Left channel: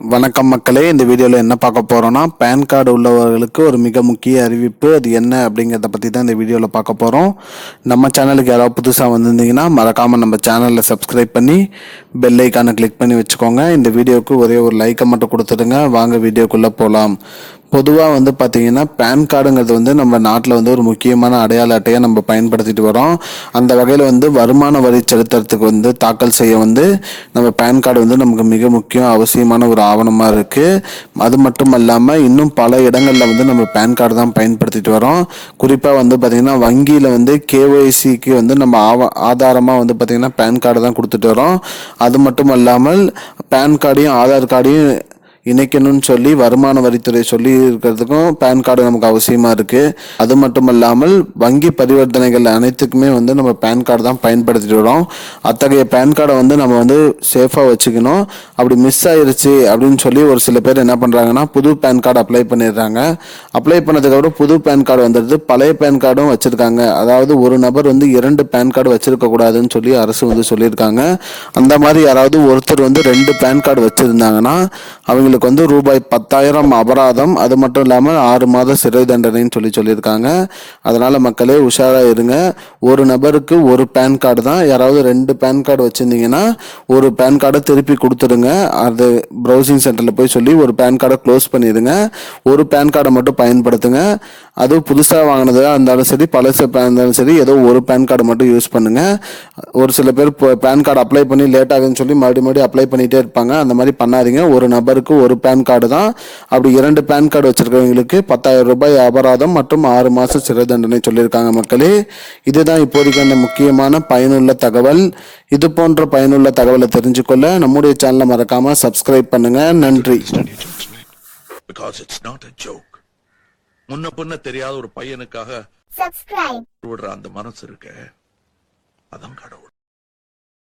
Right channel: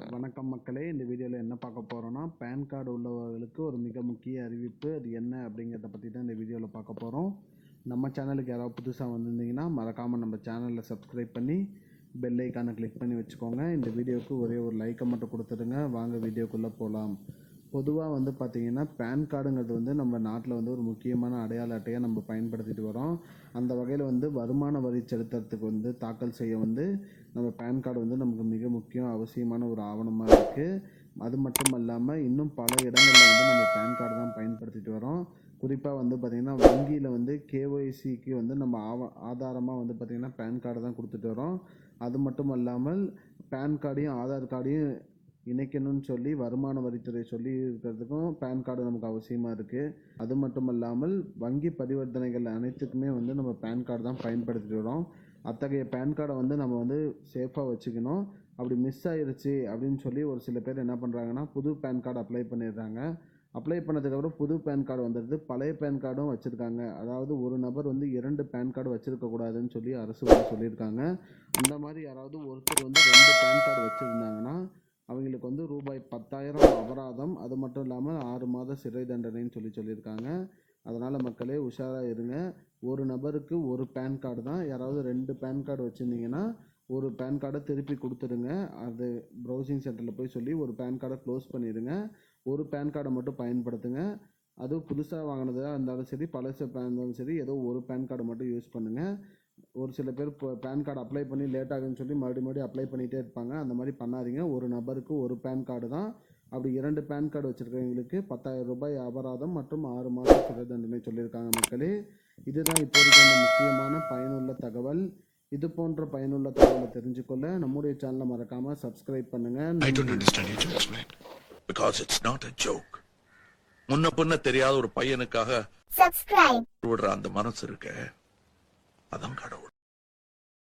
வணக்கம் மக்களே, இந்த வீடியோவில் என்ன பார்க்க போகிறோன்னா, பேன் கார்டு உள்ளவர்களுக்கு ஒரு மிக முக்கிய அறிவிப்பு. அது என்ன அப்படிங்கிறத பற்றி தான் இந்த வீடியோவில் பார்க்க போகிறோம். நம்ம சேனலுக்கு யாராவது புதுசாக வந்திருந்தீங்கன்னா மறக்காமல் நம்ம சேனலில் சப்ஸ்கிரைப் பண்ணி பெல் ஐக்கானை கிளிக் பண்ணி வச்சுக்கோங்க. இந்த வீடியோவுக்கு ஒரே ஒரு லைக்கை மட்டும் கொடுத்துடுங்க. வாங்க வீடியோக்குள்ளே போகலாம். பொதுவாக பார்த்தீங்கன்னா பேன் கார்டுங்கிறது நம்ம நாட்டில் ஒரு முக்கியமான அடையாள அட்டையை நம்ம பயன்படுத்திட்டு வரோம். அந்த வகையில் வருமான வரி செலுத்துறதுக்கு தாக்கல் செய்ய நம்ம பேன் கார்டு நமக்கு மிக முக்கியம் அவசியமான ஒரு ஆவணமாக இருக்குது. அது மட்டும் இல்லாமல் இன்னும் பல இடங்களில் நம்ம பேன் கார்டு தான் பயன்படுத்திட்டு வரோம். குறிப்பாக பார்த்திங்கன்னா வங்கியில் கேஒய்சிக்கு நம்ம ஆதாரமாக பார்த்திங்கன்னா பேன் கார்டு தான் கொடுத்துட்டு வரோம். அது மட்டும் இல்லாமல் பேன் கார்டையும் ஆதார் கார்டையும் இணைக்கணும்னு சொல்லி வருமான வரித்துறை சொல்லி இருக்கிறதுக்கும் பேன் கார்டு நமக்கு அவசியமாக இருக்குது. அது மட்டும் இல்லாமல் வங்கி பரிவர்த்தனைகள் அனைத்துக்குமே நம்ம பேன் கார்டு தான் பயன்படுத்திட்டு வரோம். அத்தகைய பேன் கார்டை நம்ம சேஃபாக வச்சுக்கணும். அப்படி மிஸ் ஆயிருச்சு அப்படின்னு சொல்லி ஒரு சில பேர் என்ன பண்ணுறாங்கன்னா புது பேன் கார்டு அப்ளை பண்ணிடுறாங்க. அப்ளை பண்ணதுக்கப்புறம் புது பேன் கார்டு வந்துடுது, பழைய பேன் கார்டும் வச்சுருக்காங்க. அதாவது ஒரு நபர் 2 பேன் கார்டு வச்சுருக்கக்கூடாதுன்னு சொல்லி அரசு சொல்லியிருக்காங்க. அந்த மாதிரி யாராவது ஒருத்தர் 2 பேன் கார்டு வச்சுருந்தாங்கன்னா அவங்களுக்கு ரூபாய் 10,000 அபராதம், அது மட்டும் இல்லாமல் 6 மாத சிறை தண்டனைன்னு சொல்லியிருக்காங்க. அதனால மக்களே உஷாரா இருங்க. ஒரு நபருக்கு ஒரு பேன் கார்டு தான். யாராவது 2 பேன் கார்டு வச்சிருந்தீங்கன்னா ஒரு பேன் கார்டை திருப்பி கொடுத்துடுங்க. அது ப்ரௌசிங் சென்டர்ல போய் சொல்லி ஒரு பேன் கார்டை க்ளோஸ் பண்ணிடுங்க. ஒரு பேன் கார்டை மட்டும் பயன்படுத்துங்க. அது புதுசாக வாங்கினதா இருந்தாலும் சரி, பழசு இருந்தாலும் சரி, ஏதோ ஒரு பேன் கார்டு மட்டும் யூஸ் பண்ணுங்க. ஒரு சில பேர் பேன் கார்டு அப்ளை பண்ணி லேட் ஆகுதுன்னு சொல்லி மறுபடியும் அப்ளை பண்ணிட்டே இருப்பாங்க. அந்த மாதிரி பண்ணாதீங்க. ஒரு நபருக்கு ஒரு பேன் கார்டு தான். அப்படி 2 பேன் கார்டு வச்சிருக்கவங்களுக்கு 10,000 ரூபாய் அபராதம் மற்றும் 6 மாச சிறை தண்டனை சொல்லியிருக்காங்க. மக்களே, இதுதான் இப்போதைக்கு அந்த முக்கியமான பயனுள்ள தகவல். இது போன்ற பயனுள்ள தகவலை தெரிஞ்சுக்கொள்ள நம்முடைய சேனலை மறக்காம சப்ஸ்கிரைப் பண்ணுங்க. நன்றி. முன்ன பின்ன தெரியாத ஒரு பையனுக்காக விடுற அந்த மனசு இருக்க, அதான் கடவுள்.